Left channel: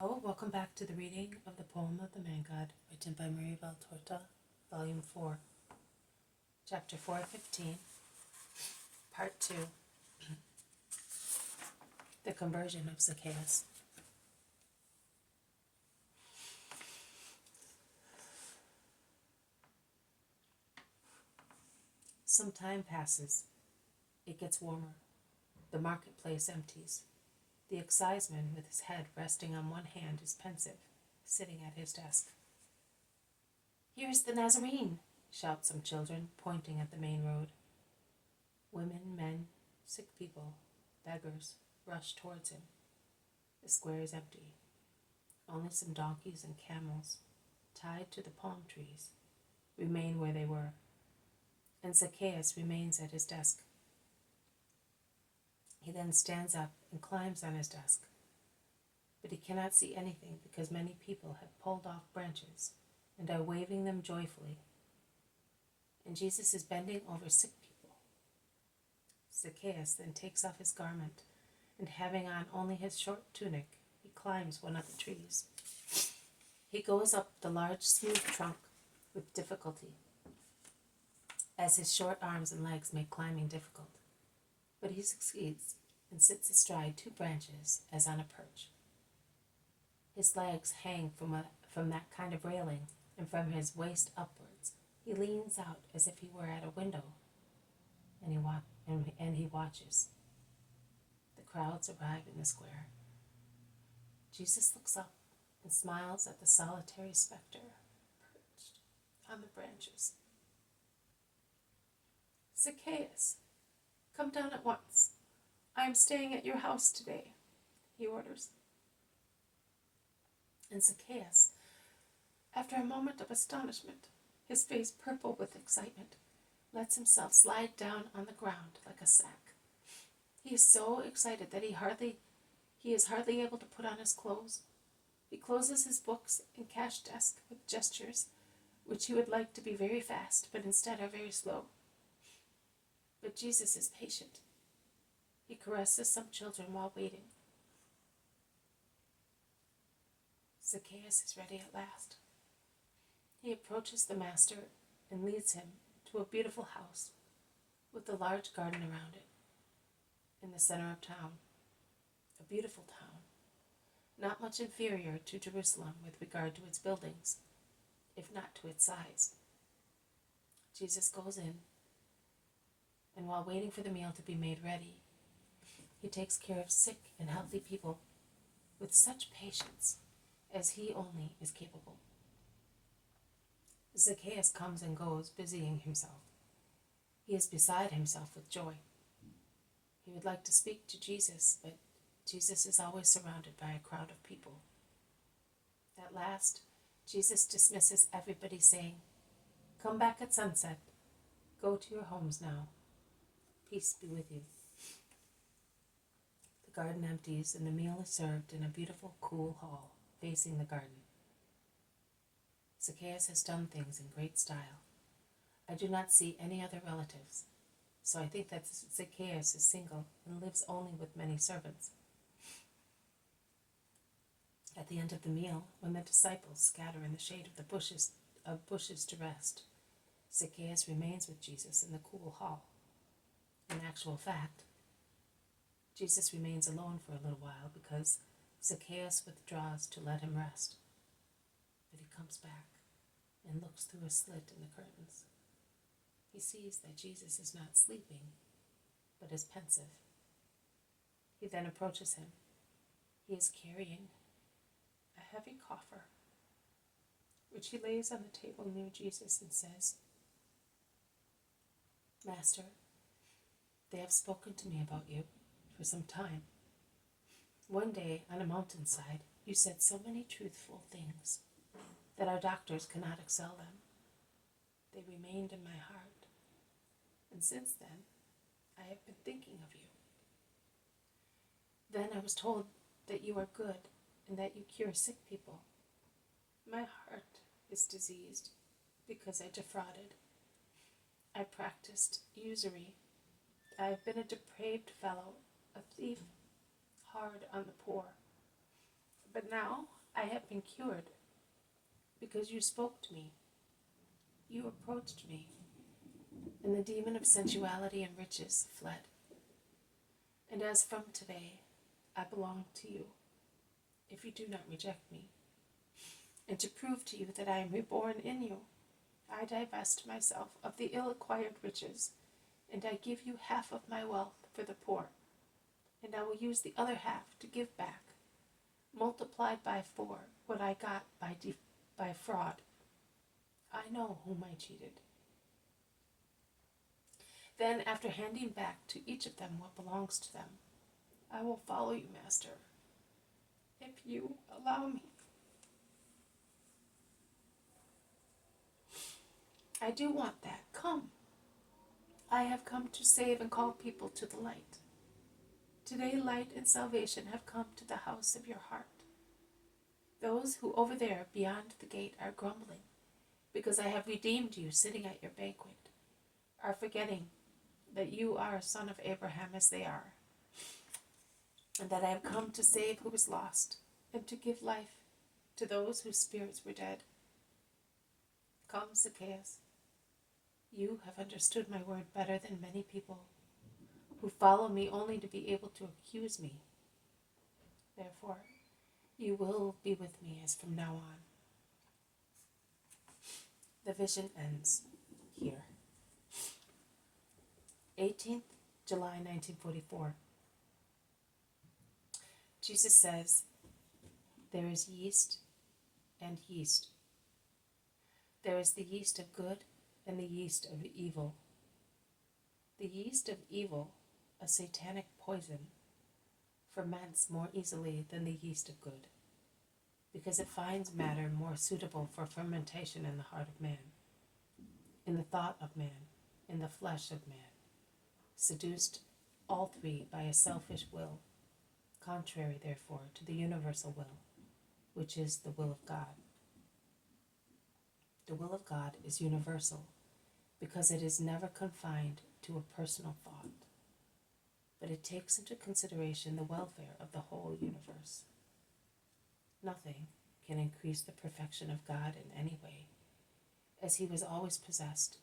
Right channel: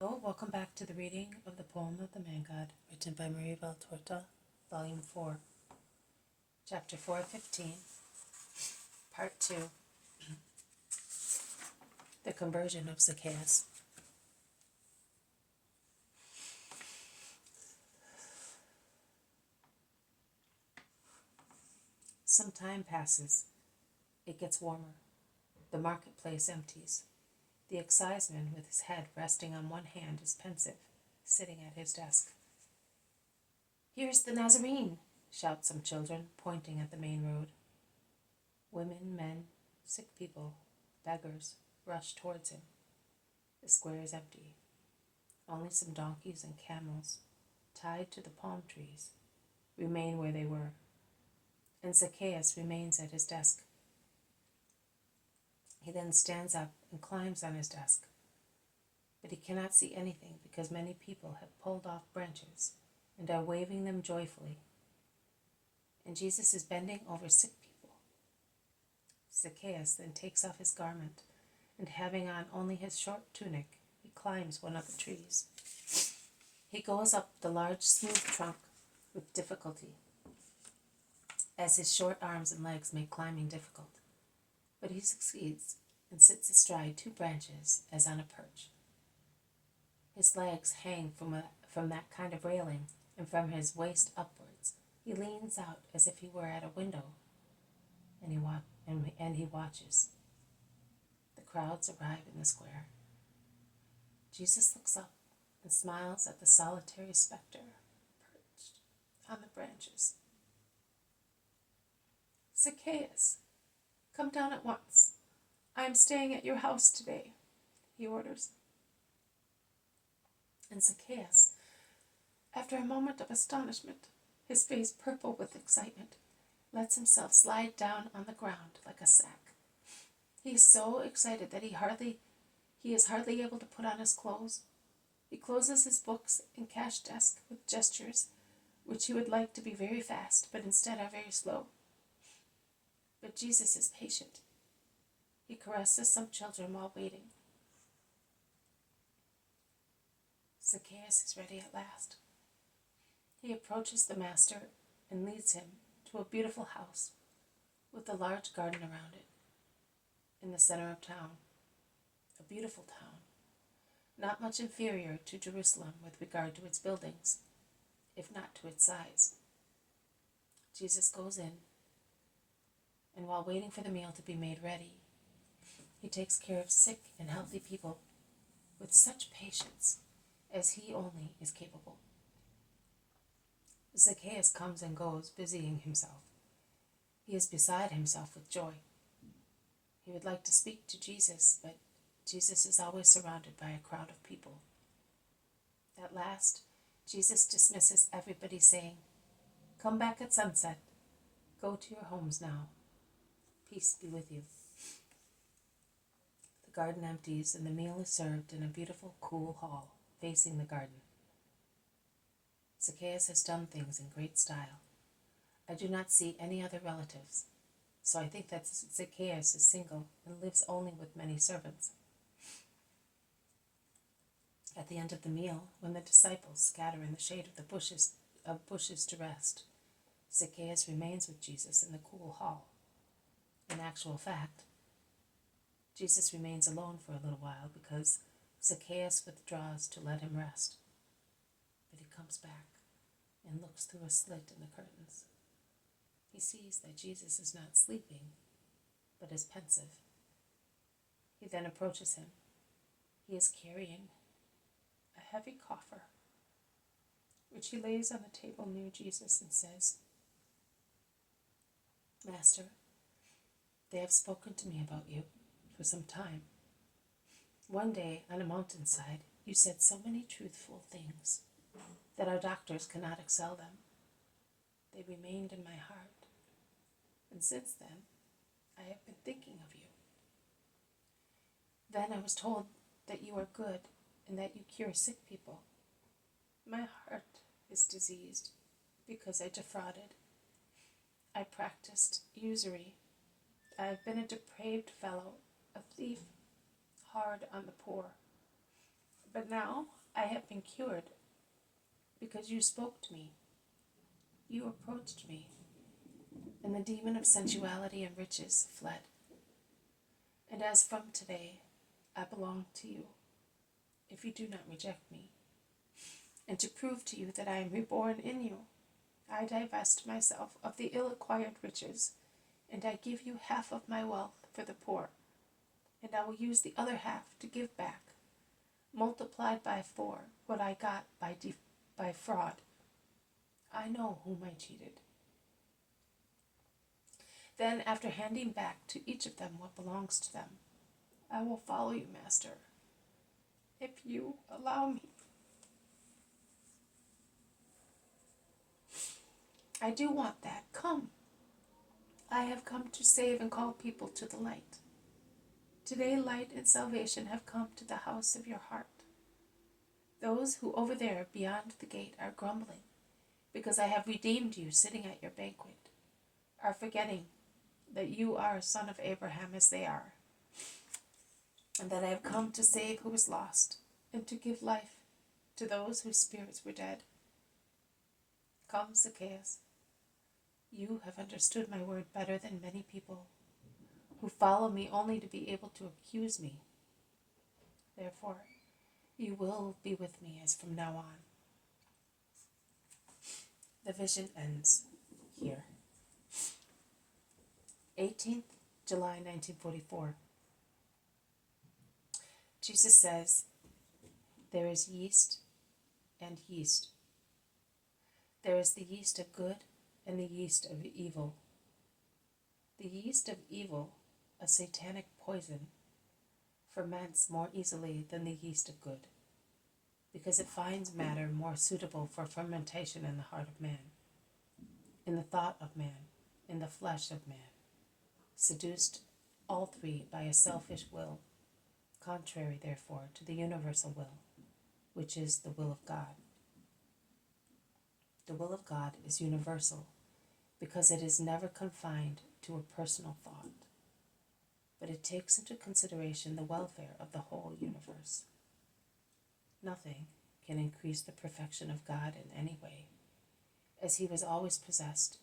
Oh, welcome back to the reading of the poem of the Man God, written by Maria Valtorta, Volume 4, Chapter 415, Part 2, The Conversion of Zacchaeus. Some time passes. It gets warmer. The marketplace empties. The exciseman, with his head resting on one hand, is pensive, sitting at his desk. "Here's the Nazarene!" shout some children, pointing at the main road. Women, men, sick people, beggars rush towards him. The square is empty. Only some donkeys and camels, tied to the palm trees, remain where they were, and Zacchaeus remains at his desk. He then stands up and climbs on his desk, but he cannot see anything because many people have pulled off branches and are waving them joyfully, and Jesus is bending over sick people. Zacchaeus then takes off his garment, and having on only his short tunic, he climbs one of the trees. He goes up the large smooth trunk with difficulty, as his short arms and legs make climbing difficult, but he succeeds and sits astride two branches as on a perch. His legs hang from that kind of railing, and from his waist upwards he leans out as if he were at a window, and he watches. The crowds arrive in the square. Jesus looks up and smiles at the solitary spectre perched on the branches. "Zacchaeus, come down at once. I am staying at your house today," he orders. And Zacchaeus, after a moment of astonishment, his face purple with excitement, lets himself slide down on the ground like a sack. He is so excited that he is hardly able to put on his clothes. He closes his books and cash desk with gestures which he would like to be very fast, but instead are very slow. But Jesus is patient. He caresses some children while waiting. Zacchaeus is ready at last. He approaches the master and leads him to a beautiful house with a large garden around it, in the center of town. A beautiful town, not much inferior to Jerusalem with regard to its buildings, if not to its size. Jesus goes in, and while waiting for the meal to be made ready, he takes care of sick and healthy people with such patience as he only is capable. Zacchaeus comes and goes, busying himself. He is beside himself with joy. He would like to speak to Jesus, but Jesus is always surrounded by a crowd of people. At last, Jesus dismisses everybody, saying, "Come back at sunset. Go to your homes now. Peace be with you." The garden empties, and the meal is served in a beautiful, cool hall facing the garden. Zacchaeus has done things in great style. I do not see any other relatives, so I think that Zacchaeus is single and lives only with many servants. At the end of the meal, when the disciples scatter in the shade of the bushes to rest, Zacchaeus remains with Jesus in the cool hall. In actual fact, Jesus remains alone for a little while because Zacchaeus withdraws to let him rest. But he comes back and looks through a slit in the curtains. He sees that Jesus is not sleeping, but is pensive. He then approaches him. He is carrying a heavy coffer, which he lays on the table near Jesus and says, "Master, they have spoken to me about you for some time. One day on a mountainside, you said so many truthful things that our doctors cannot excel them. They remained in my heart, and since then, I have been thinking of you. Then I was told that you are good and that you cure sick people. My heart is diseased because I defrauded. I practiced usury. I have been a depraved fellow, a thief, hard on the poor. But now I have been cured because you spoke to me. You approached me, and the demon of sensuality and riches fled. And as from today, I belong to you, if you do not reject me. And to prove to you that I am reborn in you, I divest myself of the ill-acquired riches, and I give you half of my wealth for the poor, and I will use the other half to give back, multiplied by 4 what I got by fraud. I know whom I cheated. Then, after handing back to each of them what belongs to them, I will follow you, Master, if you allow me. I do want that. Come. I have come to save and call people to the light. Today, light and salvation have come to the house of your heart. Those who over there beyond the gate are grumbling, because I have redeemed you sitting at your banquet, are forgetting that you are a son of Abraham as they are, and that I have come to save who is lost, and to give life to those whose spirits were dead. Come, Zacchaeus. You have understood my word better than many people who follow me only to be able to accuse me. Therefore, you will be with me as from now on. The vision ends here. 18th July 1944. Jesus says, there is yeast and yeast. There is the yeast of good and the yeast of evil. The yeast of evil, a satanic poison, ferments more easily than the yeast of good, because it finds matter more suitable for fermentation in the heart of man, in the thought of man, in the flesh of man, seduced all three by a selfish will, contrary, therefore, to the universal will, which is the will of God. The will of God is universal, because it is never confined to a personal thought, but it takes into consideration the welfare of the whole universe. Nothing can increase the perfection of God in any way, as he was always possessed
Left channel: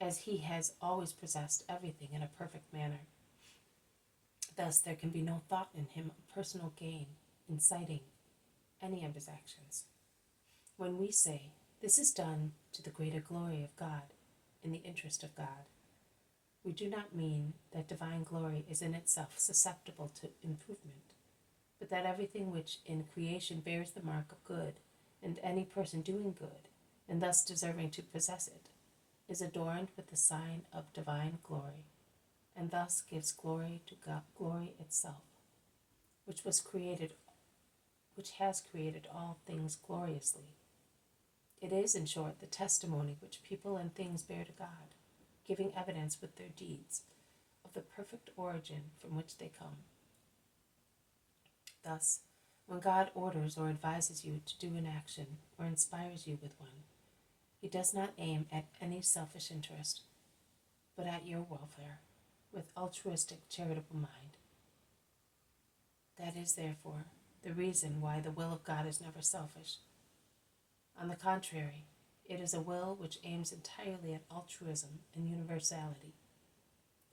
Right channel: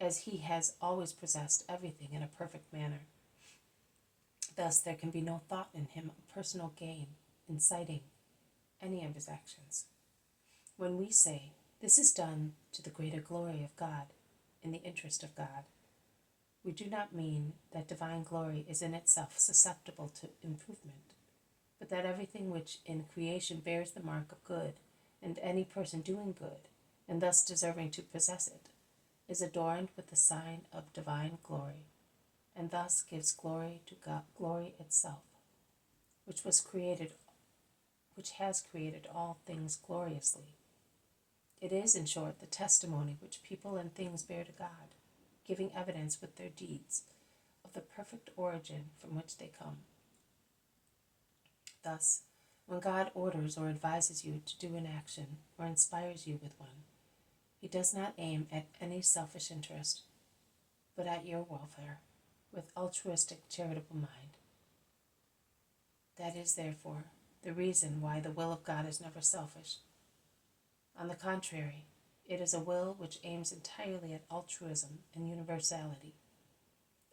as he has always possessed everything in a perfect manner. Thus there can be no thought in him of personal gain inciting any of his actions. When we say, this is done to the greater glory of God, in the interest of God, we do not mean that divine glory is in itself susceptible to improvement, but that everything which in creation bears the mark of good, and any person doing good, and thus deserving to possess it, is adorned with the sign of divine glory, and thus gives glory to God, glory itself, which has created all things gloriously. It is, in short, the testimony which people and things bear to God, giving evidence with their deeds of the perfect origin from which they come. Thus, when God orders or advises you to do an action or inspires you with one, he does not aim at any selfish interest, but at your welfare, with altruistic, charitable mind. That is, therefore, the reason why the will of God is never selfish. On the contrary, it is a will which aims entirely at altruism and universality.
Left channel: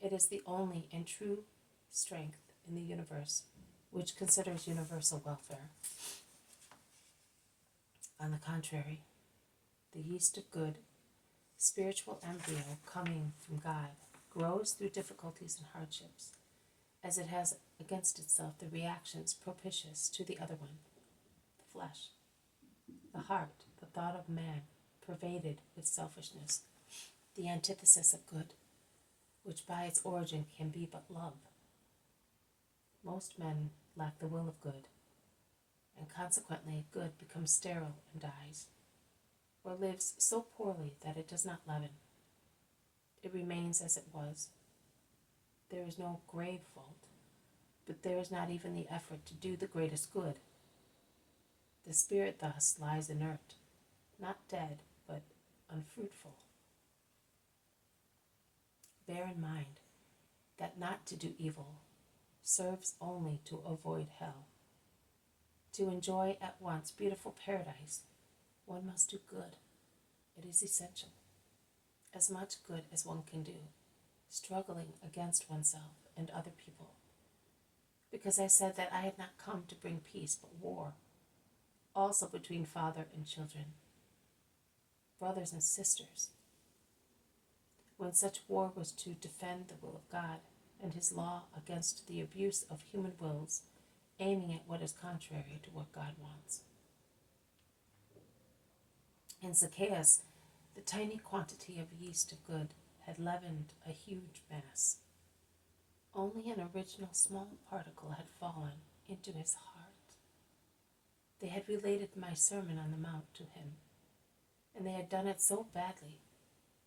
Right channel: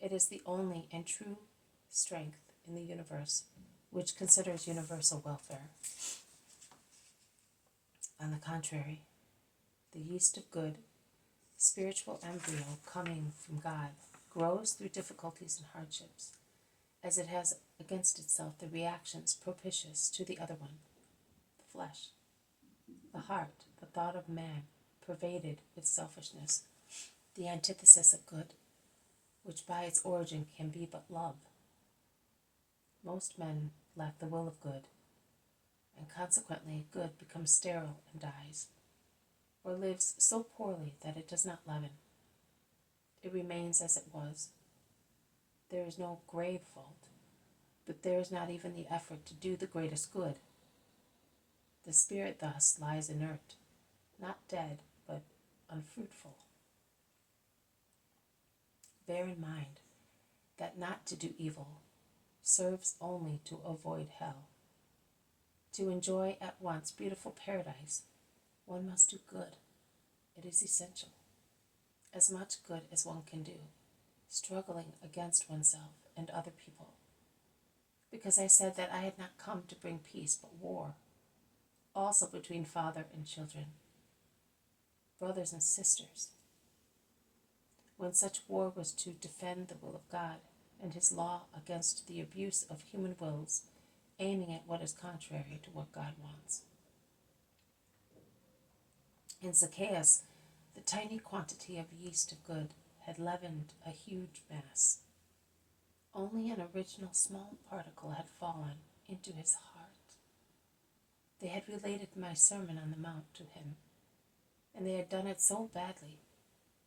It is the only and true strength in the universe which considers universal welfare. On the contrary, the yeast of good, spiritual embryo coming from God, grows through difficulties and hardships, as it has against itself the reactions propitious to the other one, the flesh, the heart, the thought of man, pervaded with selfishness, the antithesis of good, which by its origin can be but love. Most men lack the will of good, and consequently good becomes sterile and dies, or lives so poorly that it does not leaven. It remains as it was. There is no grave fault, but there is not even the effort to do the greatest good. The spirit thus lies inert, not dead, but unfruitful. Bear in mind that not to do evil, serves only to avoid hell. To enjoy at once beautiful paradise, one must do good. It is essential. As much good as one can do, struggling against oneself and other people. Because I said that I had not come to bring peace but war, also between father and children, brothers and sisters. When such war was to defend the will of God and his law against the abuse of human wills, aiming at what is contrary to what God wants. In Zacchaeus, the tiny quantity of yeast of good had leavened a huge mass. Only an original small particle had fallen into his heart. They had related my Sermon on the Mount to him, and they had done it so badly,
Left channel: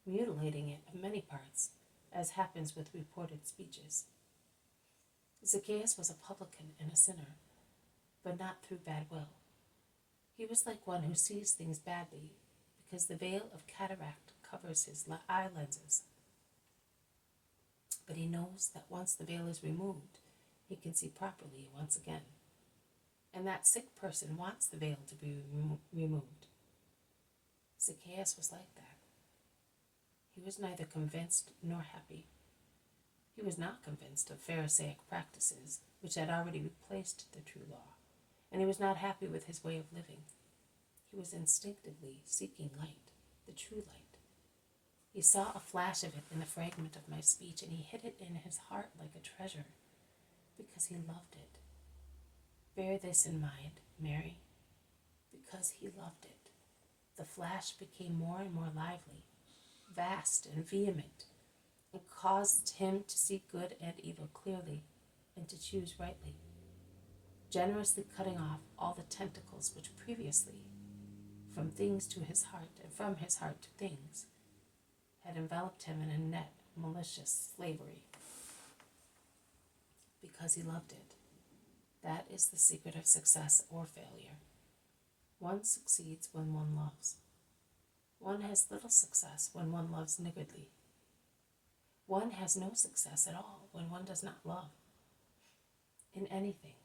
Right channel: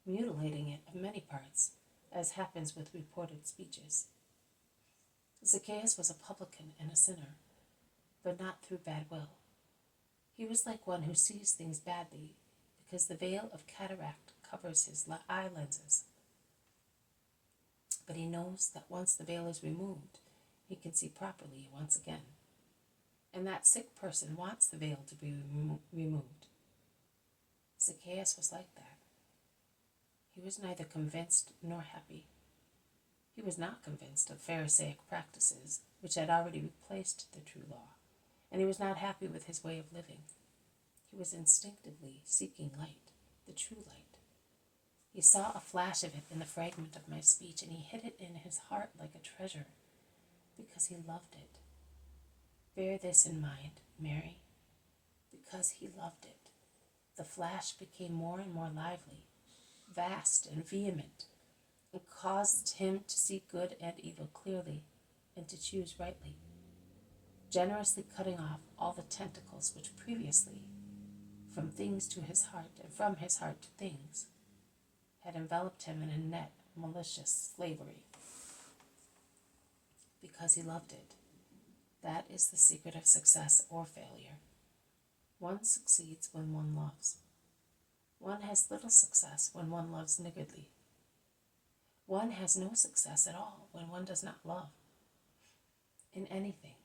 mutilating it of many parts, as happens with reported speeches. Zacchaeus was a publican and a sinner, but not through bad will. He was like one who sees things badly because the veil of cataract covers his eye lenses. But he knows that once the veil is removed, he can see properly once again. And that sick person wants the veil to be removed. Zacchaeus was like that. He was neither convinced nor happy. He was not convinced of Pharisaic practices, which had already replaced the true law, and he was not happy with his way of living. He was instinctively seeking light, the true light. He saw a flash of it in the fragment of my speech, and he hid it in his heart like a treasure, because he loved it. Bear this in mind, Mary, because he loved it. The flash became more and more lively, vast and vehement, and caused him to see good and evil clearly and to choose rightly, generously cutting off all the tentacles which previously, from things to his heart and from his heart to things, had enveloped him in a net of malicious slavery. Because he loved it. That is the secret of success or failure. One succeeds when one loves. One has little success when one loves niggardly. One has no success at all when one does not love. In anything.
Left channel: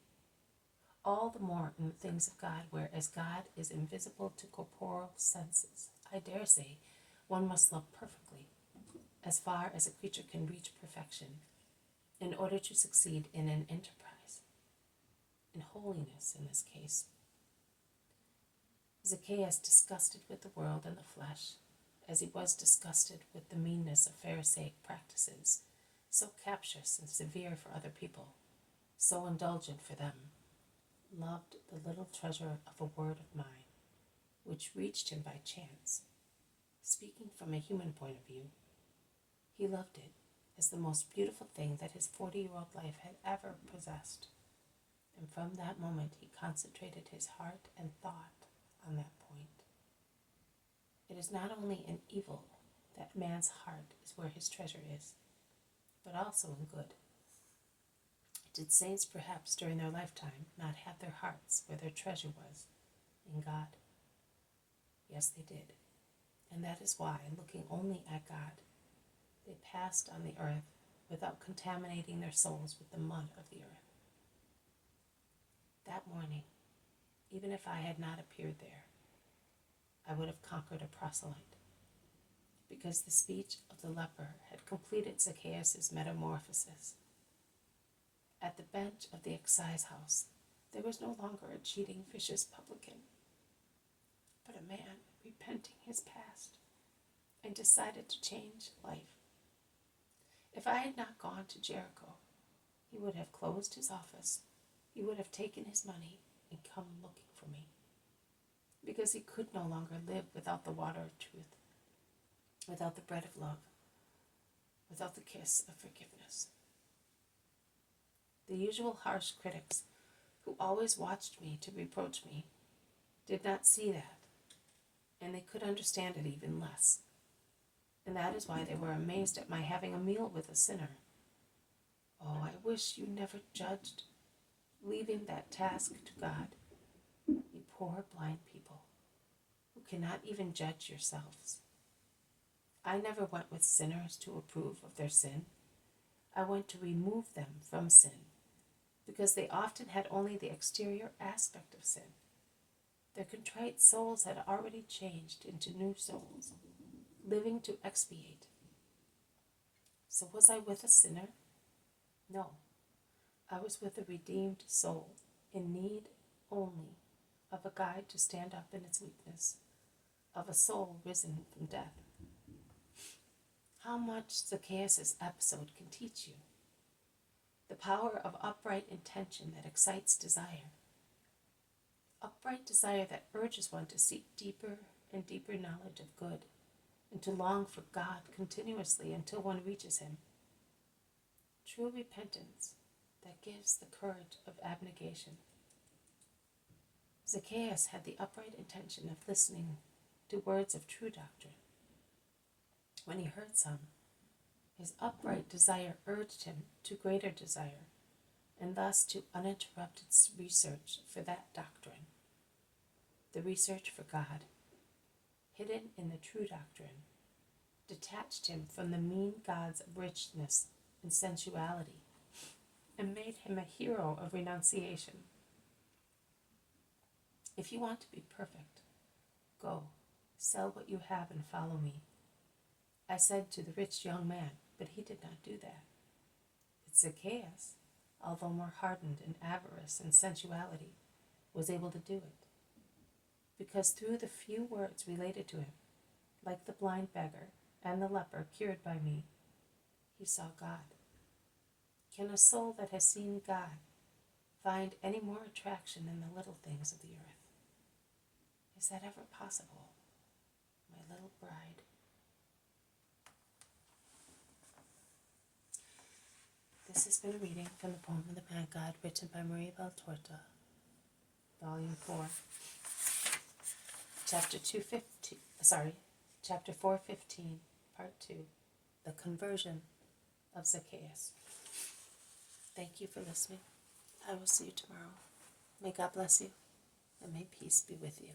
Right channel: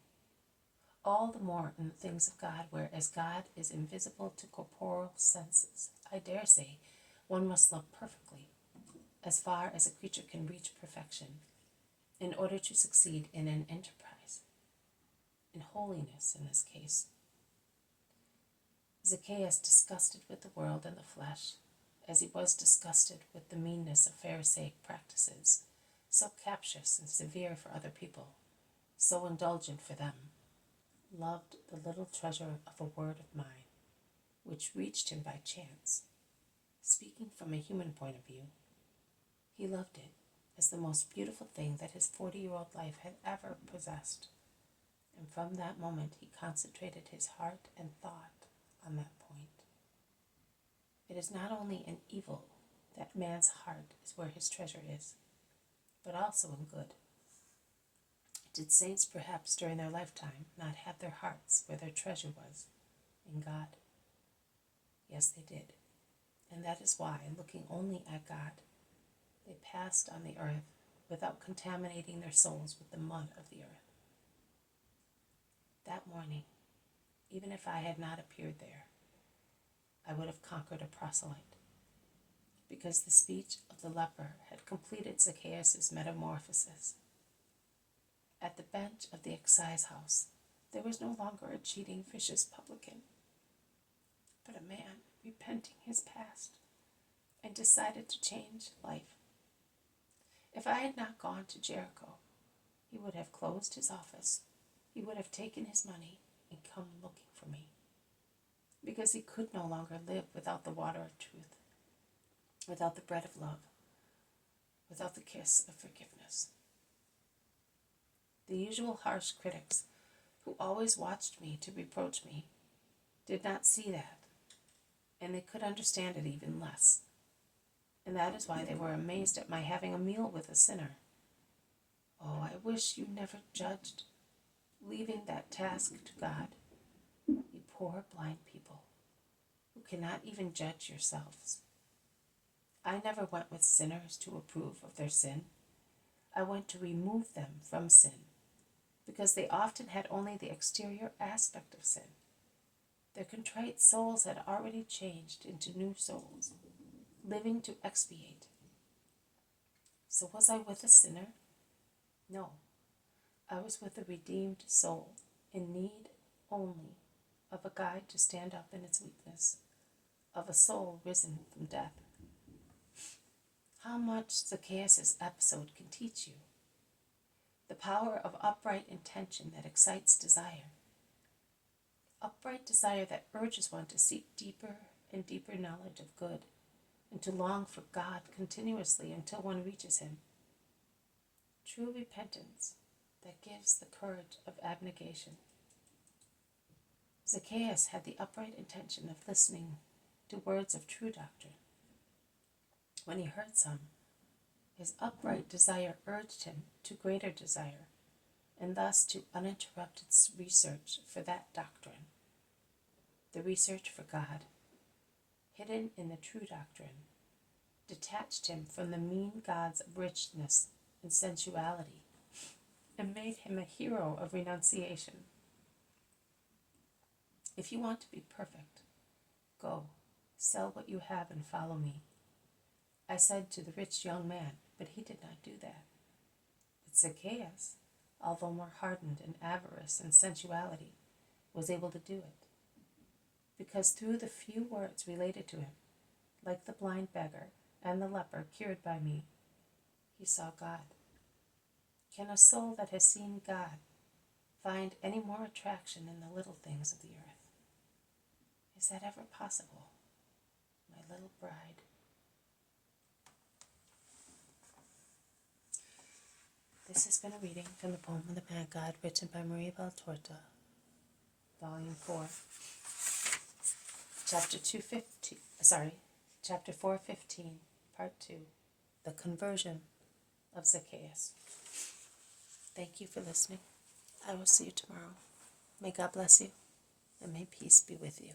All the more in the things of God, whereas God is invisible to corporeal senses. I dare say one must love perfectly, as far as a creature can reach perfection, in order to succeed in an enterprise, in holiness in this case. Zacchaeus, disgusted with the world and the flesh, as he was disgusted with the meanness of Pharisaic practices, so captious and severe for other people, so indulgent for them, loved the little treasure of a word of mine, which reached him by chance. Speaking from a human point of view, he loved it as the most beautiful thing that his 40-year-old life had ever possessed. And from that moment he concentrated his heart and thought on that point. It is not only in evil that man's heart is where his treasure is, but also in good. Did saints perhaps during their lifetime not have their hearts where their treasure was, in God? Yes, they did. And that is why, looking only at God, they passed on the earth without contaminating their souls with the mud of the earth. That morning, even if I had not appeared there, I would have conquered a proselyte, because the speech of the leper had completed Zacchaeus' metamorphosis. At the bench of the excise house, there was no longer a cheating, vicious publican, but a man repenting his past and decided to change life. If I had not gone to Jericho, he would have closed his office, he would have taken his money and come looking for me, because he could no longer live without the water of truth, without the bread of love, without the kiss of forgiveness. The usual harsh critics, who always watched me to reproach me, did not see that, and they could understand it even less. And that is why they were amazed at my having a meal with a sinner. Oh, I wish you never judged, leaving that task to God, you poor blind people, who cannot even judge yourselves. I never went with sinners to approve of their sin. I went to remove them from sin, because they often had only the exterior aspect of sin. Their contrite souls had already changed into new souls, living to expiate. So was I with a sinner? No, I was with a redeemed soul, in need only of a guide to stand up in its weakness, of a soul risen from death. How much Zacchaeus' episode can teach you. The power of upright intention that excites desire. Upright desire that urges one to seek deeper and deeper knowledge of good, and to long for God continuously until one reaches Him. True repentance that gives the courage of abnegation. Zacchaeus had the upright intention of listening to words of true doctrine. When he heard some, his upright desire urged him to greater desire, and thus to uninterrupted research for that doctrine. The research for God, hidden in the true doctrine, detached him from the mean gods of richness and sensuality, and made him a hero of renunciation. If you want to be perfect, go, sell what you have and follow me. I said to the rich young man, but he did not do that. But Zacchaeus, although more hardened in avarice and sensuality, was able to do it, because through the few words related to him, like the blind beggar and the leper cured by me, he saw God. Can a soul that has seen God find any more attraction than the little things of the earth? Is that ever possible, my little bride? This has been a reading from the poem of the Mad God, written by Maria Valtorta, Volume 4, Chapter 415, Part 2, The Conversion of Zacchaeus. Thank you for listening. I will see you tomorrow. May God bless you, and may peace be with you.